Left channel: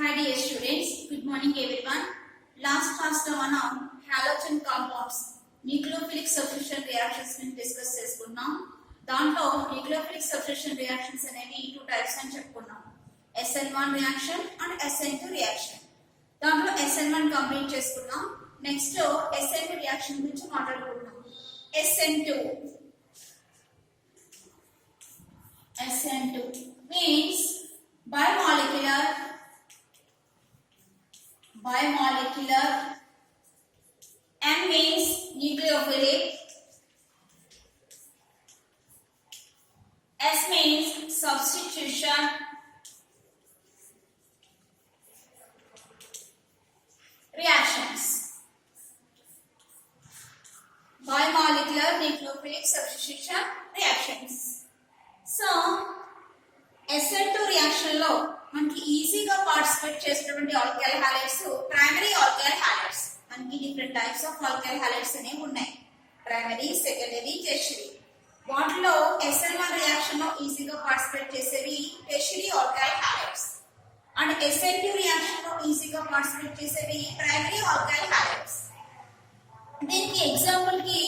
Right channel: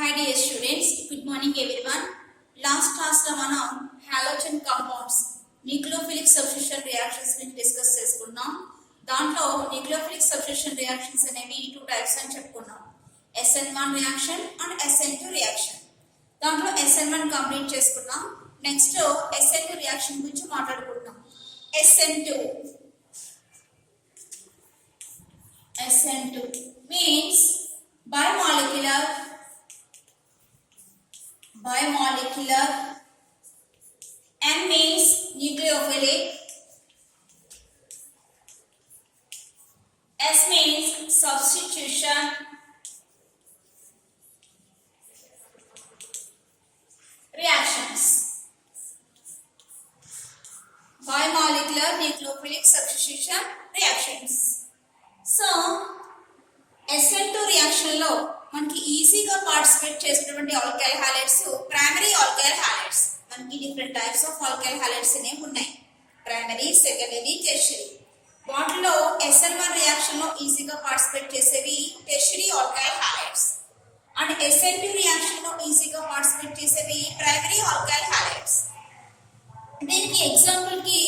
Hi dear students, good morning everyone. Last class లో మనం halogen compounds nucleophilic substitution reactions ని డిస్కస్ చేసుకున్నాం. దాంట్లో nucleophilic substitution reactions అనేవి టూ టైప్స్ అని చెప్పుకున్నాం. SN1 reaction and SN2 reaction. దాంట్లో SN1 కంప్లీట్ చేసుకున్నాం. నెక్స్ట్ SN2 రియాక్షన్ గురించి మాట్లాడుకుంటున్నాం. SN2 means bimolecular N means nucleophilic, S means substitution, reactions. Bimolecular nucleophilic substitution reactions. So SN2 reaction లో మనకి ఈజీగా పార్టిసిపేట్ చేసేటువంటి alkyl halides primary alkyl halides. మనకి different types of alkyl halides అనేవి ఉన్నాయి, primary, secondary, tertiary. వాటిలో SN1 reaction లో ఈజీగా పార్టిసిపేట్ చేసేవి tertiary alkyl halides and SN2 reaction లో ఈజీగా పార్టిసిపేట్ చేసేవి ప్రైమరీ ఆల్కైల్ హాలైడ్స్. దీనికి ఎగ్జాంపుల్ కి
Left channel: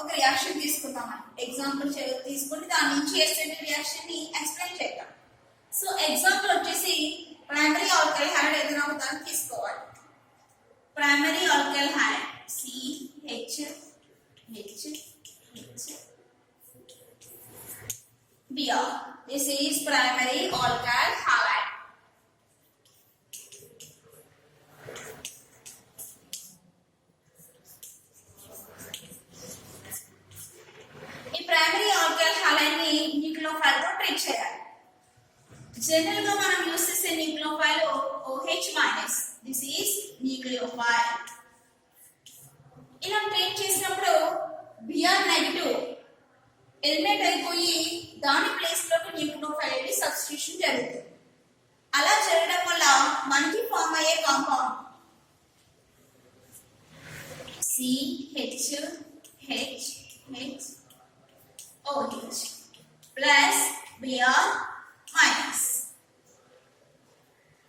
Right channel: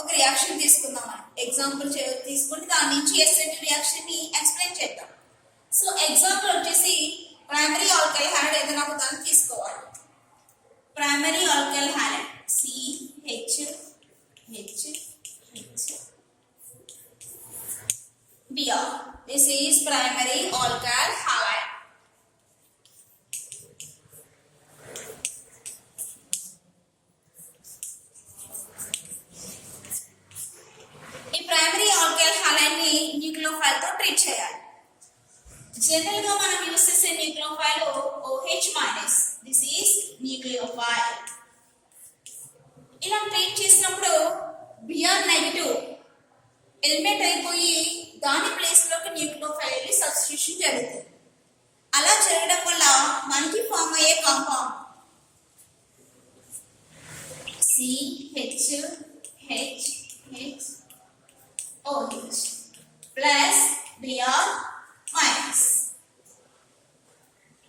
ఒక రియాక్షన్ తీసుకుందాం. మనం ఎగ్జాంపుల్ తీసుకుని దాని నుంచి SN2 రియాక్షన్ ని ఎక్స్ప్లెయిన్ చేద్దాం. సో ఎగ్జాంపుల్ వచ్చేసి ప్రైమరీ ఆల్కైల్ హాలైడ్ ఏదైనా ఒక దాన్ని తీసుకోవాలి. Primary alkyl halide CHH Br. This is primary alkyl halide. ఈ ప్రైమరీ ఆల్కైల్ హాలైడ్ ని న్యూక్లియోఫైల్ తో ట్రీట్ చేయాలి. జనరల్ గా మనం యూస్ చేసే nucleophile OH-. This is nucleophile. ఇలా ట్రీట్ చేసినప్పుడు Br నెగటివ్ ఎలిమినేట్ అయిపోయి దాని ప్లేస్ లోకి న్యూక్లియోఫైల్ వెళ్ళి సబ్స్టిట్యూషన్ జరుగుతుంది. అలా జరగడం వల్ల మనకి ఫామ్ అయ్యే compound CHHOH plus Br minus.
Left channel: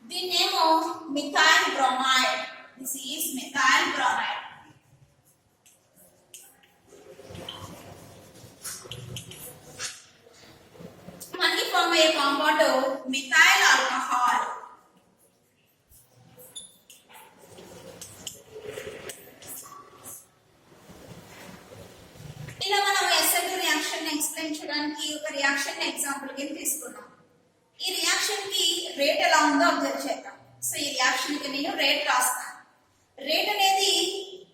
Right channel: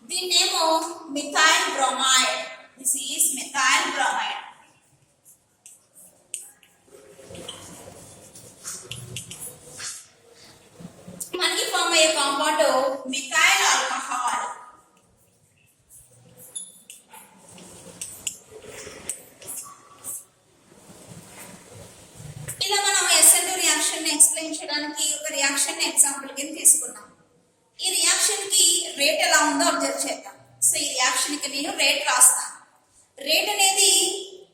దీన్నేమో methyl bromide. This is methyl bromide. మనకి ఫామ్ అయ్యే కాంపౌండ్ మిథైల్ ఆల్కహాల్. ఇలా మనం SN2 రియాక్షన్ ని ఎక్స్ప్లెయిన్ చేయడానికి ఒక రియాక్షన్ ఎగ్జాంపుల్ కింద తీసుకున్నాం. ఈ రియాక్షన్ కి రేట్ ఎలా ఉందో అబ్జర్వ్ చేద్దాం. సో ఈ రియాక్షన్ కి నేను రేట్ రాస్తాను. రేట్ అనేది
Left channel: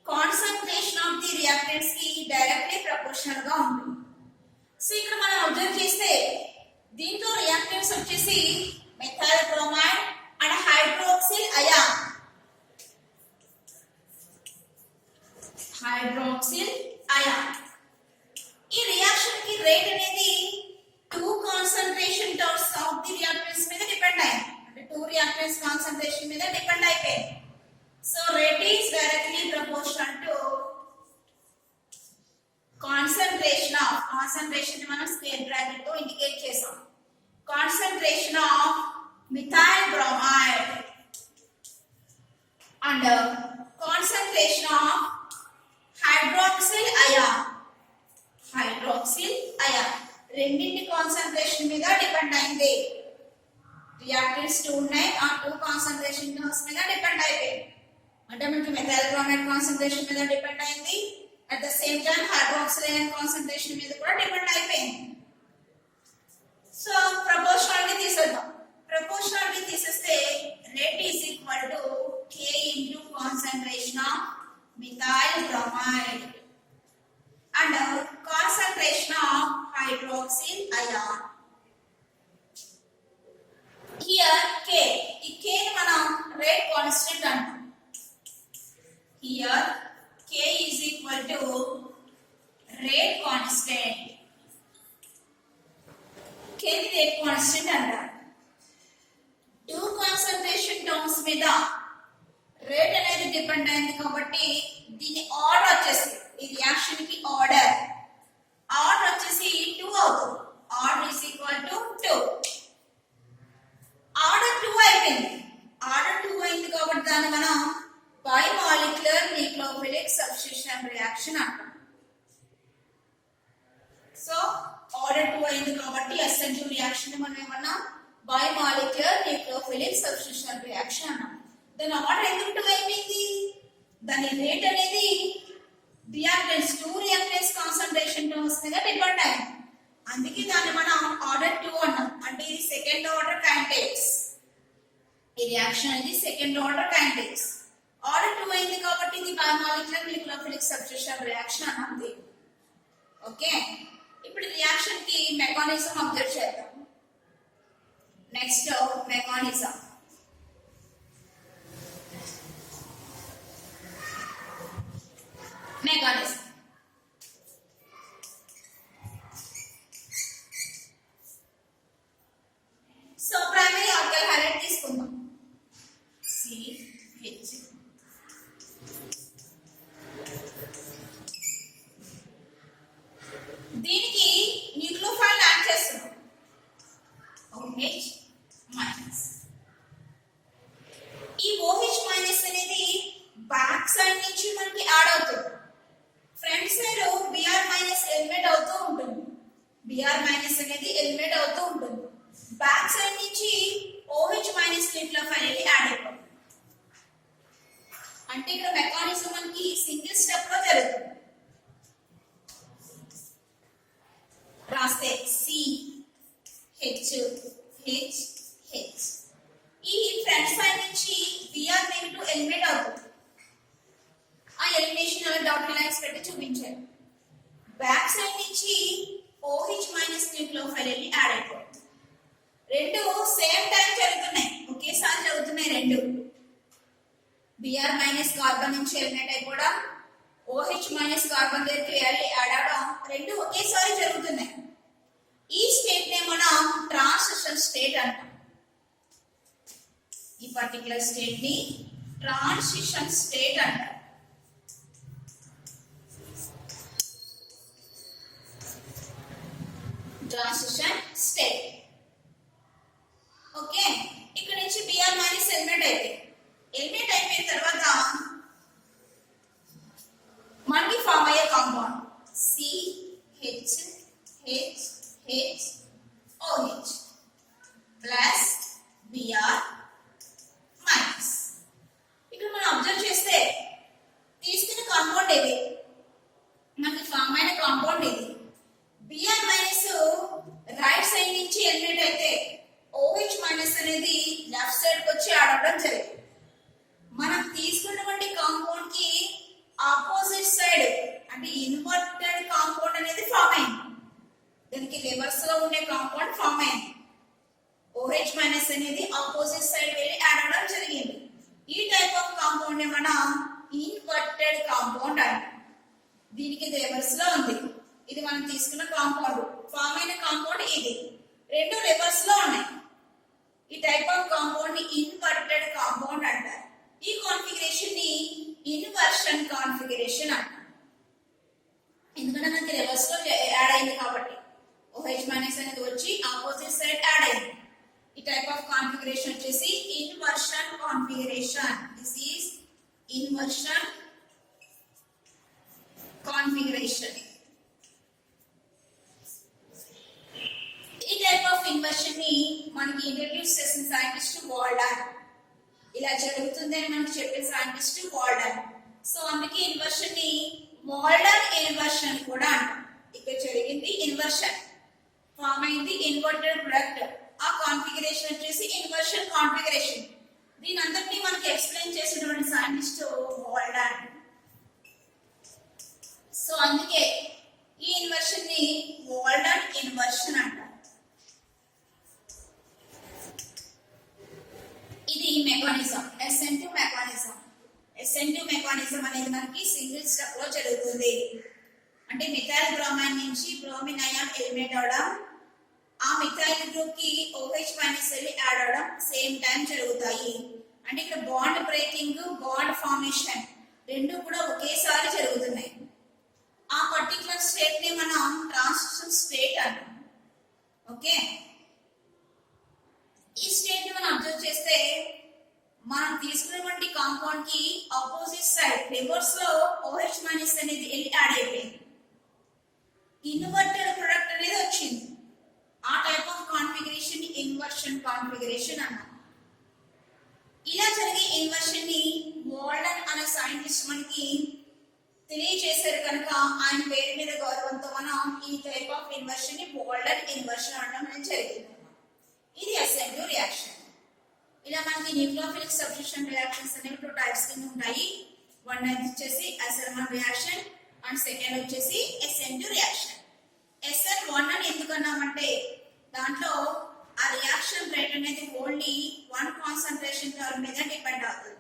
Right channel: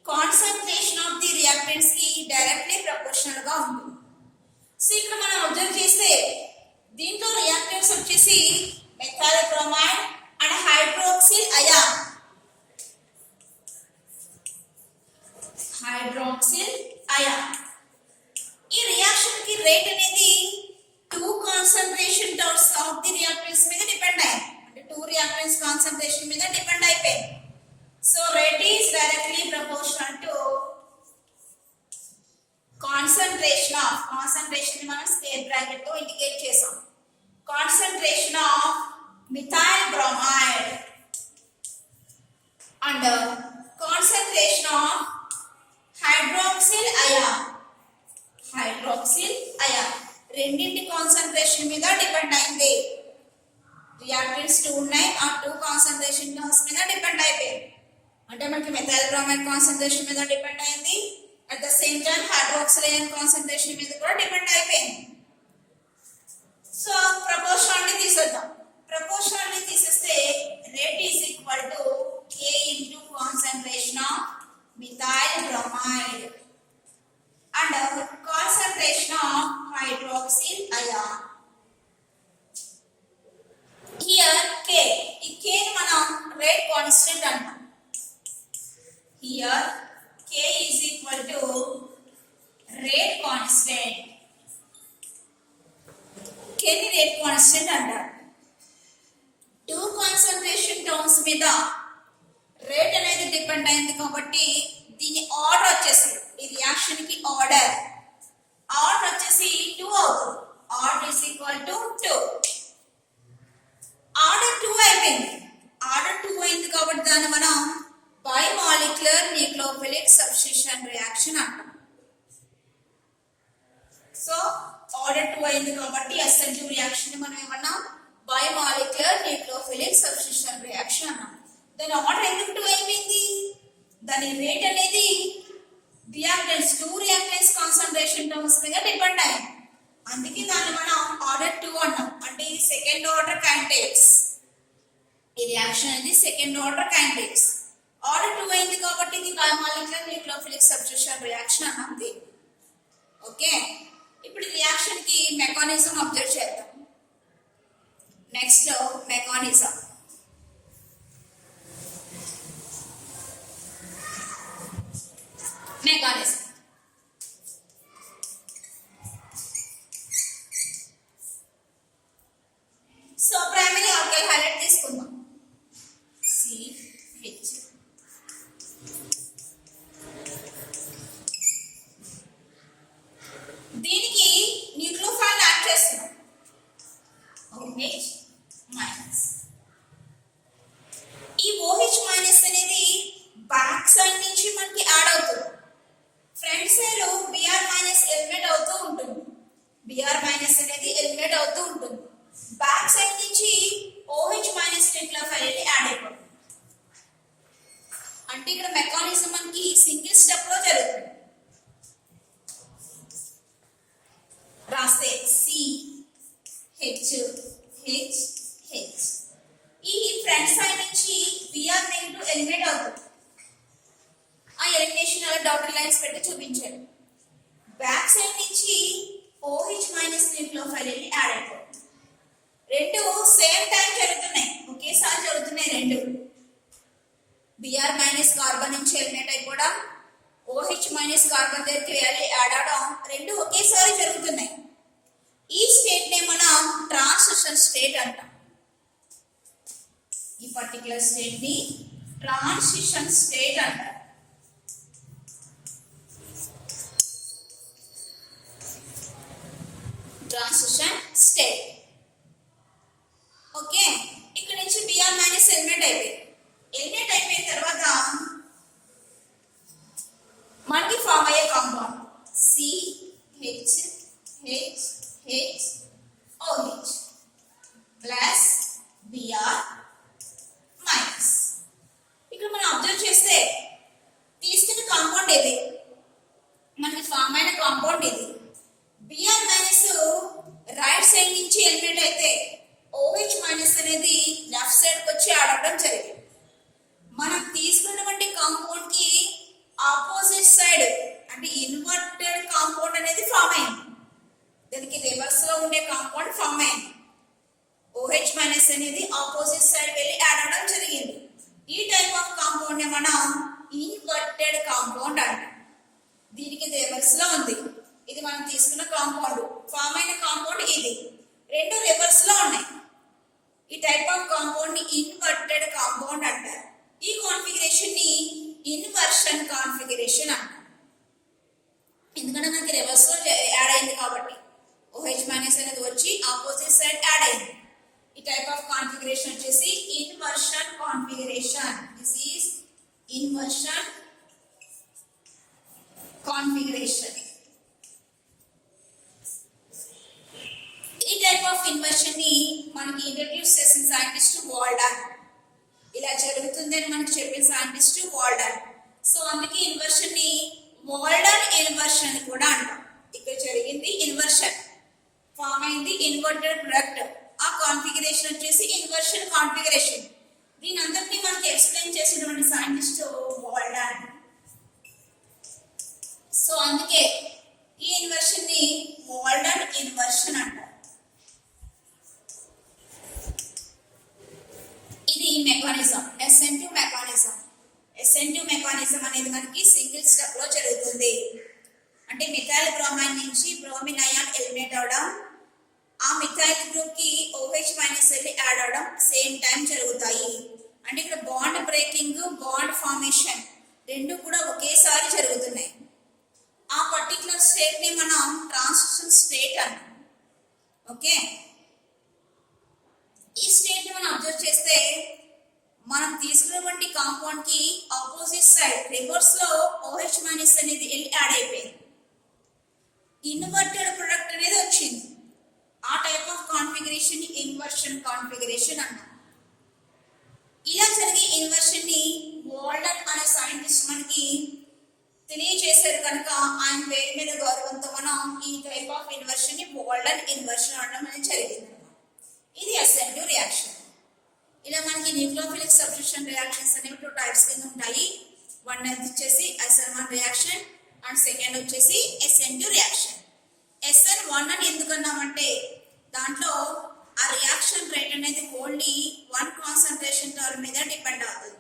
కాన్సంట్రేషన్ ఆఫ్ ది రియాక్టెంట్స్ కి డైరెక్ట్లీ ప్రపోర్షనల్ గా ఉంటుంది. సో ఇక్కడ మనం అబ్జర్వ్ చేస్తే దీంట్లో రియాక్టెంట్స్ వచ్చేసి methyl bromide and hydroxyl ion. ఈ రియాక్షన్ కి రేట్ అనేది two concentration terms of the reactants మీద డిపెండ్ అయ్యింది. అంటే టూ రియాక్టెంట్స్ కాన్సంట్రేషన్ మీద డిపెండ్ అయిపోయింది. So rate is directly proportional to concentration ని మనం స్క్వేర్ బ్రాకెట్ తో ఇండికేట్ చేసాం. Concentration of methyl bromide and concentration of hydroxyl ion. రెండింటి కాన్సంట్రేషన్ మీద డిపెండ్ అయింది. రియాక్టెంట్స్ టూ ఉన్నాయి, ఆ టూ కాన్సంట్రేషన్ టర్మ్స్ మీద డిపెండ్ అయిపోయింది. అంటే మనకి మెథైల్ బ్రోమైడ్ కాన్సంట్రేషన్ మీద డిపెండ్ అయింది, at the same time hydroxyl ion concentration మీద కూడా డిపెండ్ అయిపోయింది. సో ప్రపోర్షనాలిటీ తీసేద్దాం. ప్రపోర్షనాలిటీ తీసేస్తే rate is equal to K into concentration of methyl bromide and concentration of hydroxyl ion. Here K, ఈ K ని మనం రేట్ కాన్స్టెంట్ అంటాం. Here K is equal to rate constant. K ని rate constant అంటాం. Two concentration terms మీద రేట్ అనేది డిపెండ్ అయింది కాబట్టి దీని ఆర్డర్ వచ్చేసి ఈ రియాక్షన్ కి ఆర్డర్ వచ్చేసి 2 అవుతుంది. Order is equal to 2. ఆర్డర్ 2 అయిపోయింది. ఆర్డర్ SN2 రియాక్షన్ మనం ఏమన్నా బయోమాలిక్యులర్ న్యూక్లియోఫిలిక్ సబ్స్టిట్యూషన్ రియాక్షన్ అన్నాం. దాని ఆర్డర్ ఎందుకు 2 అయిపోయింది? దాని రేట్ అనేది రియాక్టెన్స్ 2 రియాక్టెన్స్ కాన్సంట్రేషన్ టర్మ్స్ మీద డిపెండ్ అయ్యింది. అందుకే దాన్ని మనం ఆర్డర్ 2 అన్నాం. అంటే ఇది సెకండ్ ఆర్డర్ కైనెటిక్స్. ఈ రియాక్షన్ అనేది సెకండ్ ఆర్డర్ కైనెటిక్స్. ఆర్డర్ 2 అయింది కాబట్టి ఇది బయోమాలిక్యులర్ న్యూక్లియోఫిలిక్ సబ్స్టిట్యూషన్ రియాక్షన్ అన్నది. ఓకే, ఇప్పుడు రియాక్షన్ కి మెకానిజం అబ్జర్వ్ చేద్దాం. Next mechanism. So primary alkyl highlight తీసుకుందాం. CH. దీనికి న్యూక్లియోఫైల్ యాడ్ చేస్తున్నాం. OH minus. ఈ OH మైనస్ అనేది బ్యాక్ సైడ్ నుంచి మనకి యాడ్ అవుతుంది. Front side Br minus eliminate అవుతూ ఉంటుంది. Br మైనస్ అనేది ఎలిమినేట్ అవుతూ ఉంటుంది. బ్యాక్ సైడ్ నుంచి OH మైనస్ న్యూక్లియోఫైల్ యాడ్ అయిపోతుంది. అంటే ఇక్కడ మెకానిజం మనకి సింగిల్ స్టెప్ లో జరుగుతుంది. రాస్తే CH. ఈ ఫ్రంట్ సైడ్ నుంచి Br నెగటివ్ ఎలిమినేట్ అవుతుంది. ఆ ఎలిమినేషన్ అలా డాటెడ్ లైన్స్ పెట్టి చూపించారు. బ్యాక్ సైడ్ నుంచి OH మైనస్ న్యూక్లియోఫైల్ యాడ్ అయిపోతుంది. రెండు సేమ్ టైం జరుగుతున్నాయి, ఒకేసారి జరుగుతున్నాయి రెండు. Br మైనస్ కార్బన్ నుంచి ఎలిమినేట్ అయిపోవడం, OH మైనస్ కార్బన్ దగ్గరికి యాడ్ అవడం, రెండు ఒకేసారి జరుగుతున్నాయి. ఈ స్టేట్ నే మనం ట్రాన్సిషన్ స్టేట్ అంటాం. ఈ పర్టికులర్ స్టేట్ ని ట్రాన్సిషన్ స్టేట్ అంటాం. Transition state. ఓకే, ఇక్కడ నుంచి Br మైనస్ ఎలిమినేట్ అయిపోయింది. ఎలిమినేట్ అయిపోయిన తర్వాత మనకి ఫామ్ అయ్యే compound CHHOH plus Br minus. ఇక్కడ మనం అబ్జర్వ్ చేస్తే తీసుకున్న కాంపౌండ్ ఇది, మనకి ఫామ్ అయిన కాంపౌండ్ ఇది. Br మైనస్ రైట్ సైడ్ నుంచి ఎలిమినేట్ అయితే OH మైనస్ అనేది లెఫ్ట్ సైడ్ కి వచ్చి యాడ్ అవడం జరిగింది. మనం తీసుకున్నటువంటి కాంపౌండ్ కి ఆపోజిట్ సైడ్ అంటే ఇన్వర్టెడ్ కాంపౌండ్ అనేది ఫామ్ అయింది. దానికి రివర్స్ లో ఉండే కాంపౌండ్ ఫామ్ అయింది. OH మైనస్ అనేది ఆపోజిట్ సైడ్ వెళ్ళి యాడ్ అవడం జరిగింది. ఈ టైప్ ఆఫ్ కాంపౌండ్ ని మనం ఇన్వర్టెడ్ కాంపౌండ్ అంటాం. దీనికి రివర్స్ లో ఉంది. ఇది మనం తీసుకున్న కాంపౌండ్, ఫామ్ అయిన కాంపౌండ్ ఇది. రెండు రివర్స్ లో ఉన్నాయి. ఈ టైప్ ఆఫ్ కాంపౌండ్ ని ఇన్వర్టెడ్ కాంపౌండ్ అంటారు. ఈ కాన్ఫిగరేషన్ ని ఇన్వర్షన్ కాన్ఫిగరేషన్ అంటారు. ఎందుకంటే మనకి రివర్స్ లో యాడ్ అయింది కాబట్టి OH మైనస్ అనేది వచ్చి ఆపోజిట్ సైడ్ యాడ్ అయింది. ఈ టైప్ ఆఫ్ కాన్ఫిగరేషన్ వచ్చేసి inversion configuration. This is inversion configuration. ఈ టైప్ ఆఫ్ ఇన్వర్షన్ ని మనకి ఇంట్రడ్యూస్ చేసిన సైంటిస్ట్ వాల్డన్. ఇలా జరుగుతుందని మనకి చెప్పిన సైంటిస్ట్ వాల్డన్. సో అందుకే ఇన్వర్షన్ ని వాల్డన్ ఇన్వర్షన్ కూడా అంటాం. ఇక్కడ జరిగింది ఇన్వర్షన్, ఫామ్ అయింది ఇన్వర్టెడ్ ప్రొడక్ట్. ఆ కాన్ఫిగరేషన్ వచ్చేసి ఇన్వర్షన్ కాన్ఫిగరేషన్. దీని అందరినీ మనకి ఎక్స్ప్లెయిన్ చేసినటువంటి సైంటిస్ట్ వాల్డన్. సో అందుకే ఈ ఇన్వర్షన్ ని వాల్డన్ ఇన్వర్షన్ అంటారు. ఇది mechanism, SN2 mechanism. SN2 mechanism అనేది మనకి సింగిల్ స్టెప్ లో జరుగుతుంది. అంటే మిథైల్ బ్రోమైన్ నుంచి బ్రోమిన్ అయాన్ ఎలిమినేట్ అవడం, ఆ మిథైల్ గ్రూప్ కి OH మైనస్ వెళ్ళి యాడ్ అవడం సేమ్ టైం జరుగుతాయి. అంటే ఇక్కడ బాండ్ బ్రేకింగ్, బాండ్ ఫార్మేషన్ రెండు కూడా ఒకేసారి జరుగుతున్నాయి. ఆ పర్టికులర్ స్టేట్ ని మనం ట్రాన్సిషన్ స్టేట్ అంటాం. ఓకే, ఈ స్టేట్ ని మనం అబ్జర్వ్ చేస్తే మనం తీసుకున్నటువంటి కాంపౌండ్ కి ఆపోజిట్ సైడ్ రివర్స్ లో OH మైనస్ అనేది వెళ్ళి యాడ్ అయిపోయింది. ఇన్వర్టెడ్ ప్రొడక్ట్ అనేది వచ్చింది. ఆ type of configuration inversion configuration అన్నాం. ఇలా జరిగే ఇన్వర్షన్ ని వాల్డన్ అనే సైంటిస్ట్ మనకి తెలియజేశారు కనుక ఆయన పేరు మీద గౌరవంతో మనం ఈ టైప్ ఆఫ్ ఇన్వర్షన్ ని వాల్డన్ ఇన్వర్షన్ అనడం అనేది జరిగింది. ఇది SN2 రియాక్షన్. ఇలా మనకి న్యూక్లియోఫిలిక్ సబ్స్టిట్యూషన్ రియాక్షన్స్ అనేవి 2 టైప్స్ కింద ఉంటాయి. వన్ వచ్చేసి SN1 రియాక్షన్ అండ్ సెకండ్ వచ్చేసి SN2 రియాక్షన్. SN1 అని ఎందుకన్నామంటే దాంట్లో ఆ రియాక్షన్ రేట్ అనేది ఓన్లీ 1 కాన్సన్ట్రేషన్ టర్మ్ మీద డిపెండ్ అవుతుంది.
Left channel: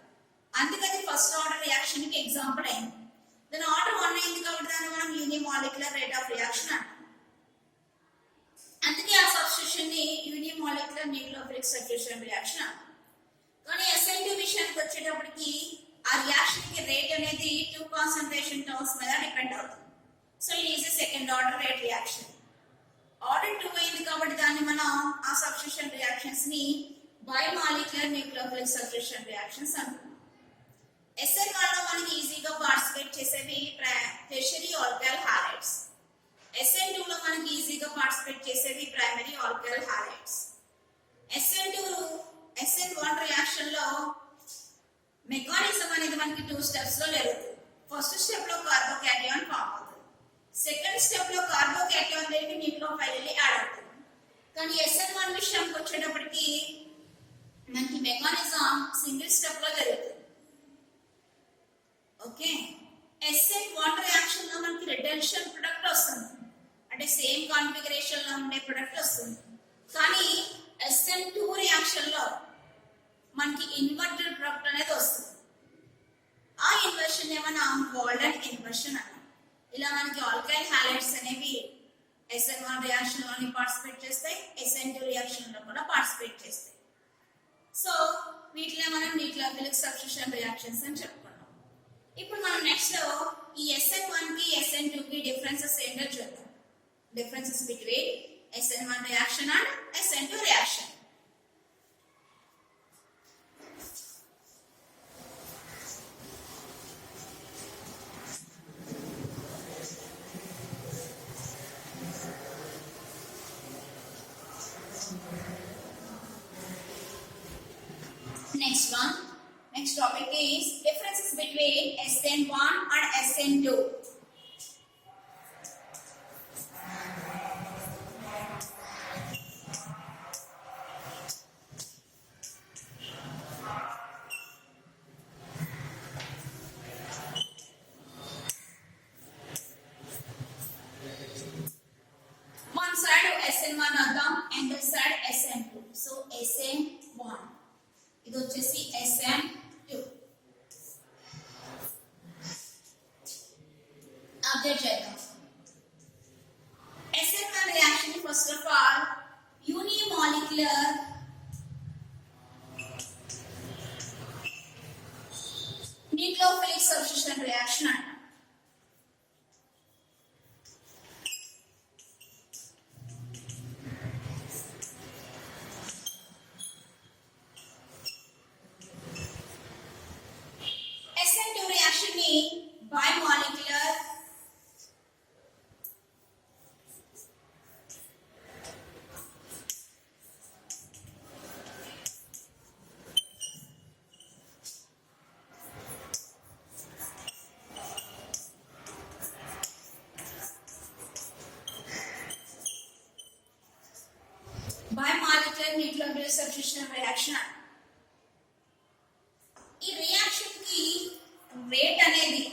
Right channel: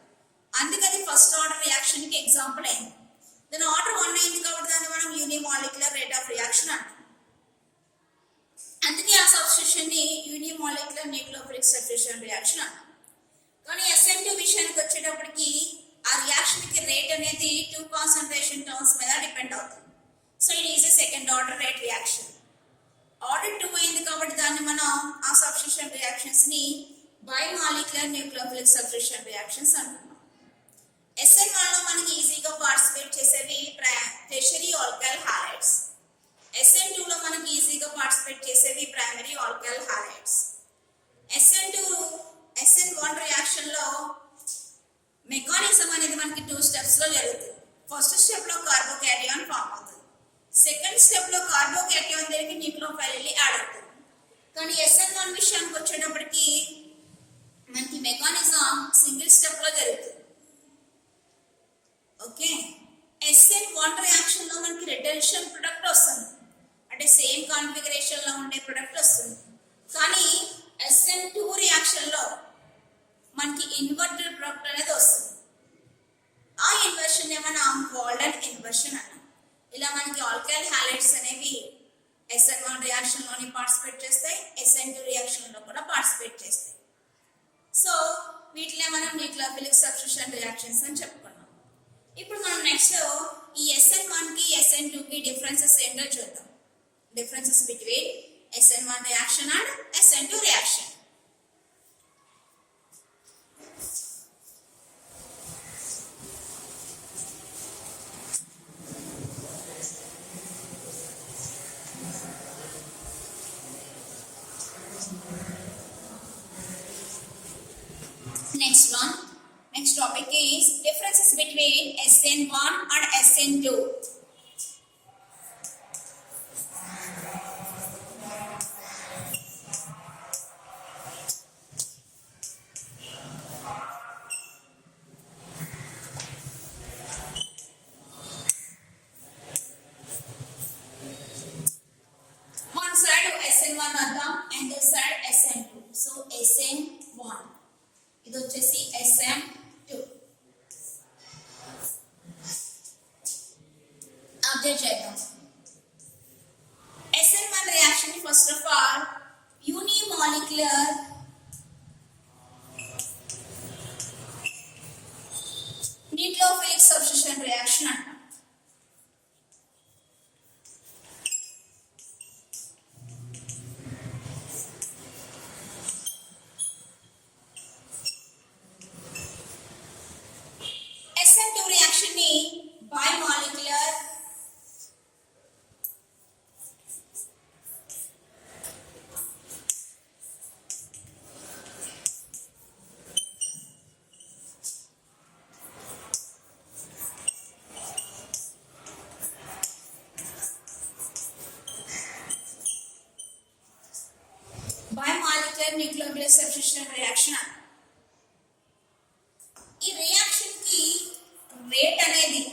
అందుకని ఫస్ట్ ఆర్డర్ రియాక్షన్ కి ఎగ్జాంపుల్ అయింది. దాని ఆర్డర్ 1 అయింది కాబట్టి దాన్ని మనం యూనిమాలిక్యులర్ రేట్ ఆఫ్ రియాక్షన్ అంటాం. అందుకే ఆ సబ్స్టిట్యూషన్ ని యూనిమాలిక్యులర్ న్యూక్లియోఫిలిక్ సబ్స్టిట్యూషన్ రియాక్షన్ అంటాం. కానీ SN2 విషయానికి వచ్చేటప్పటికి ఆ రియాక్షన్ కి రేట్ అనేది 2 కాన్సన్ట్రేషన్ టర్మ్స్ మీద డిపెండ్ అవుతుంది. So it is a second order rate reaction. Order 2 అయింది కాబట్టి దాన్ని మనం ఆ సబ్స్టిట్యూషన్ రియాక్షన్స్ ని బైమాలిక్యులర్ న్యూక్లియోఫిలిక్ సబ్స్టిట్యూషన్ రియాక్షన్స్ అంటున్నాం. SN1 లో మనకి ఈజీగా పార్టిసిపేట్ చేసేవి టెర్షియరీ ఆల్కైల్ హాలైడ్స్. SN2 లో మనకి ఈజీగా పార్టిసిపేట్ చేసేవి primary alkyl halides. SN1 reaction లో మెకానిజం అనేది మనకి 2 స్టెప్స్ లో జరుగుతుంది. ఫస్ట్ స్టెప్ లో కార్బోకాటయాన్ ఫామ్ అవుతుంది. సెకండ్ స్టెప్ లో కార్బోకాటయాన్ దగ్గరికి న్యూక్లియోఫైల్ వెళ్ళి యాడ్ అవుతుంది. కానీ SN1 విషయానికి వచ్చేటప్పటికి మనకి మెకానిజం సింగిల్ స్టెప్ లో జరుగుతుంది. ఓకే, SN1 రియాక్షన్ లో మనకి రిడక్షన్ ప్రొడక్ట్ వస్తుంది, అంటే సేమ్ కాన్ఫిగరేషన్ లో ఉండే ప్రొడక్ట్ వస్తుంది. కానీ SN2 రియాక్షన్ లో మనకి ఇన్వర్టెడ్ ప్రొడక్ట్ అనేది వస్తుంది. ఆ ఇన్వర్షన్ ఏమన్నా వాల్డన్ ఇన్వర్షన్ అన్నాం. ఇలా మనకి ఆల్కైల్ హాలైడ్స్ అనేవి SN1 రియాక్షన్ లోని పార్టిసిపేట్ చేస్తాయి, SN2 రియాక్షన్ లో కూడా పార్టిసిపేట్ చేస్తాయి. సో వీటినే మనం న్యూక్లియోఫిలిక్ సబ్స్టిట్యూషన్ రియాక్షన్స్ అని చెప్పుకున్నాం. ఇప్పుడు మనం నెక్స్ట్ ఈ SN1 కి SN2 కి డిఫరెన్సెస్ ఏంటో చూద్దాం. Differences between SN1 reaction and SN2 reaction. Next topic is differences between SN1 and SN2. One side SN1 adam and the side SN2. So SN1 ఇది వచ్చేసి SN2. అబ్జర్వ్ చేద్దాం. SN1 రియాక్షన్ ని first of all unimolecular nucleophilic substitution reaction అంటాం. SN2 reaction ని bimolecular nucleophilic substitution reaction అంటాం. ఈ reaction కి rate అనేది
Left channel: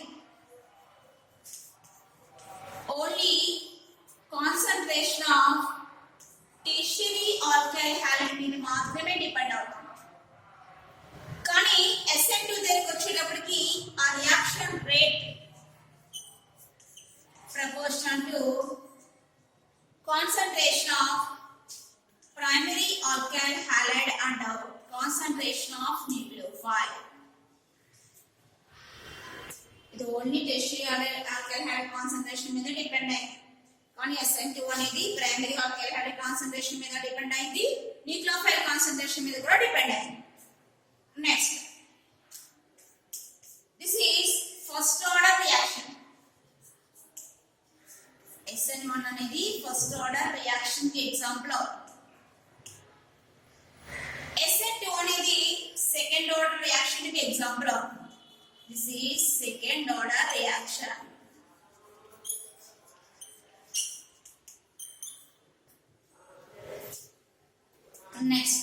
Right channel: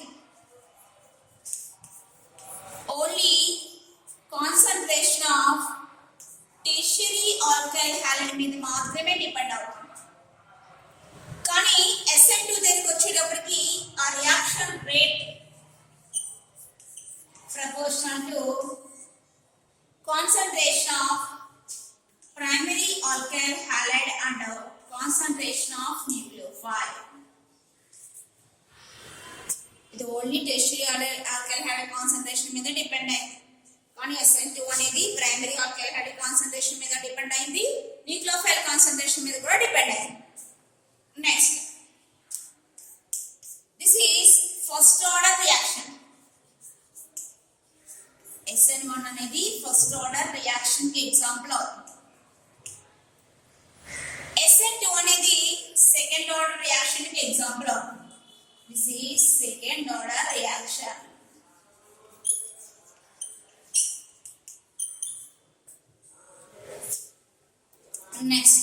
only concentration of tertiary alkyl halide మీద మాత్రమే డిపెండ్ అవుతుంది. కానీ SN2 దగ్గరికి వచ్చేటప్పటికి ఆ reaction rate proportional to concentration of primary alkyl halide and concentration of nucleophile. ఇది only tertiary alkyl hydrate concentration మీద డిపెండ్ అయింది. కానీ SN2 అనేది ప్రైమరీ ఆల్కైల్ హైడ్రేట్ కాన్సంట్రేషన్ మీద డిపెండ్ అయింది, న్యూక్లియోఫైల్ కాన్సంట్రేషన్ మీద కూడా డిపెండ్ అయింది. Next, this is first order reaction. SN1 అనేది ఫస్ట్ ఆర్డర్ రియాక్షన్ కి ఎగ్జాంపుల్ అవుతుంది. నెక్స్ట్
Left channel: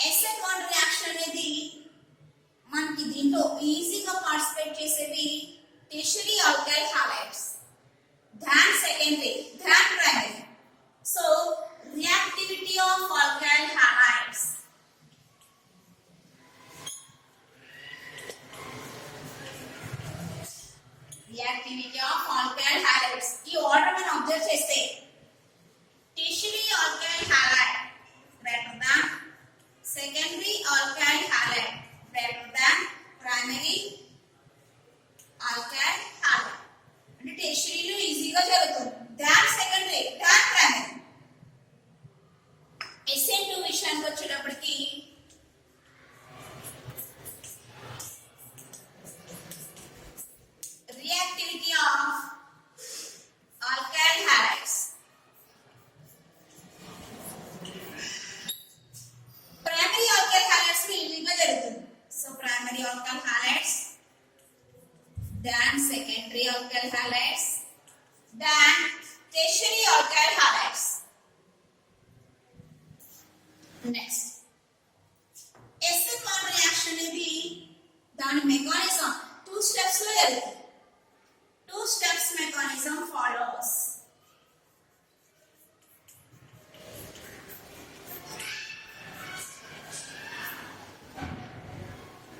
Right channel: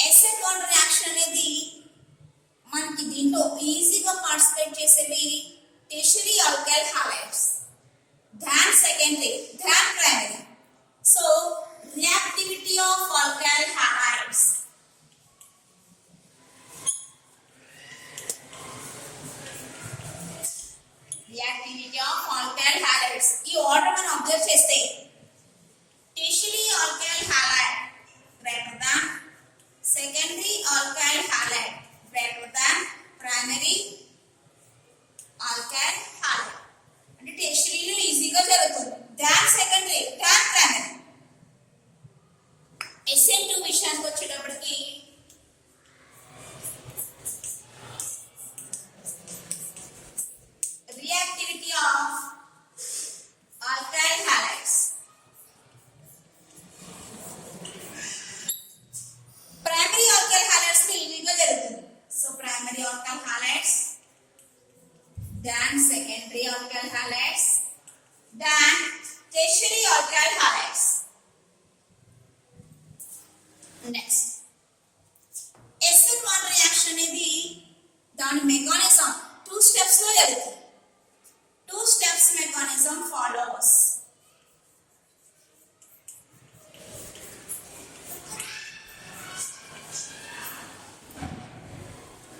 SN1 రియాక్షన్ అనేది మనకి దీంట్లో ఈజీగా పార్టిసిపేట్ చేసేవి టెర్షియరీ ఆల్కైల్ హాలైడ్స్ దాన్ సెకండరీ than primary. So reactivity of alkyl halides, reactivity of alkyl halides ఈ ఆర్డర్ మనం అబ్జర్వ్ చేస్తే tertiary alkyl halide greater than secondary alkyl halide greater than primary alkyl halide. అంటే టెర్షియరీలో ఈజీగా జరుగుతుంది. దాన్ సెకండరీ దాన్ ప్రైమరీ. SN2 విషయానికి వచ్చేటప్పటికి reactivity of alkyl halides primary alkyl halides లో ఈజీగా జరుగుతుంది. So primary alkyl halides then secondary alkyl halides then tertiary alkyl halides. Next SN1 reaction అనేది దాని మెకానిజం 2 స్టెప్స్ లో జరుగుతుంది. 2 స్టెప్స్ మెకానిజం ఫాలోస్.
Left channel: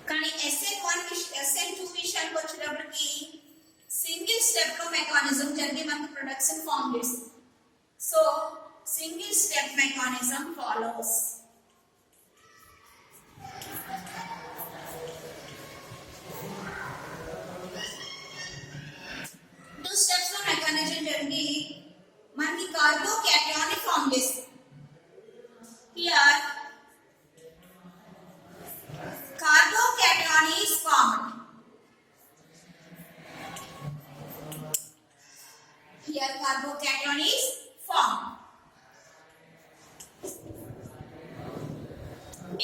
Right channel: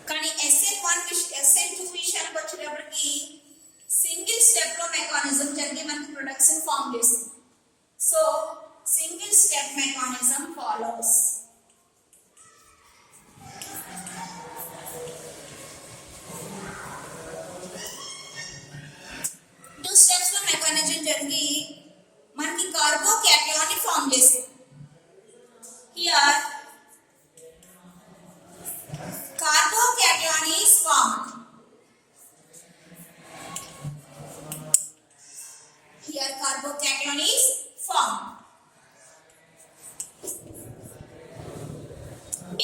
కానీ SN2 విషయానికి వచ్చేటప్పటికి సింగిల్ స్టెప్ లో మెకానిజం జరిగి మనకి ప్రొడక్షన్ ఫామ్ చేస్తుంది. So single step mechanism follows. Two steps లో మెకానిజం జరిగి మనకి కార్బోకాటయాన్ ని ఫామ్ చేస్తుంది. Here carbocation is formed. Here carbocation is formed.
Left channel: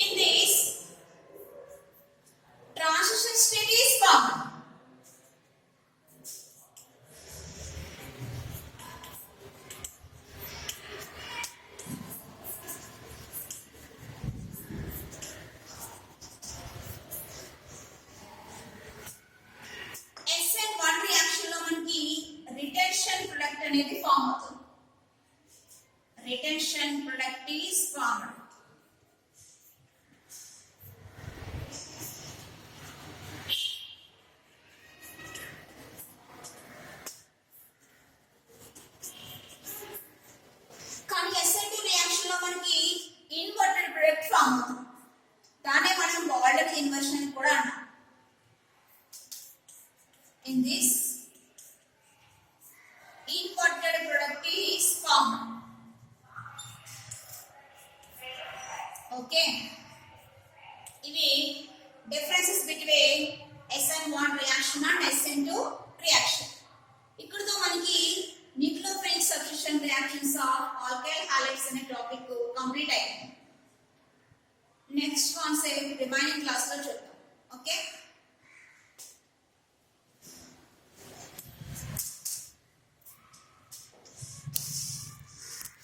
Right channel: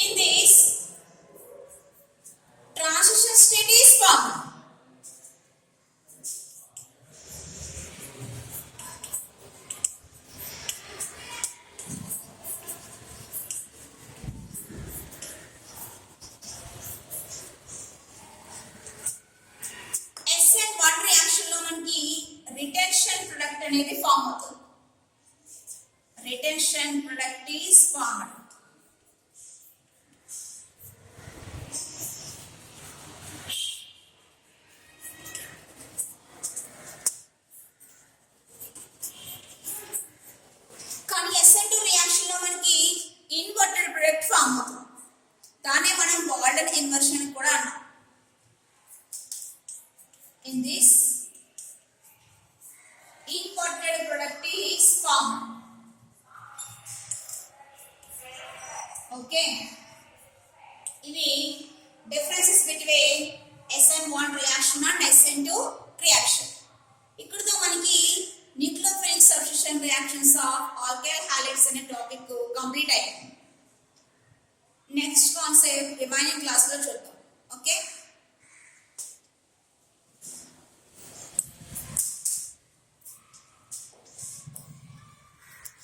In this transition state is formed. Retention product అనేది ఫామ్ అవుతుంది. Retention product is formed. కానీ SN2 రియాక్షన్ లో మనకి ఇన్వర్టెడ్ ప్రొడక్ట్ ఫామ్ అవుతుంది. దానే మనం వాల్డన్ ఇన్వర్షన్ అని కూడా అన్నాం. In this inverted product is formed. Okay, ఇవి differences between SN1 reaction and SN2 reaction. ఇక్కడతో మనకి nucleophilic substitution reactions of alkyl halides అనే టాపిక్ కంప్లీట్ అయింది. నెక్స్ట్ కాన్సెప్ట్ రిమైనింగ్ క్లాస్ లో చూద్దాం.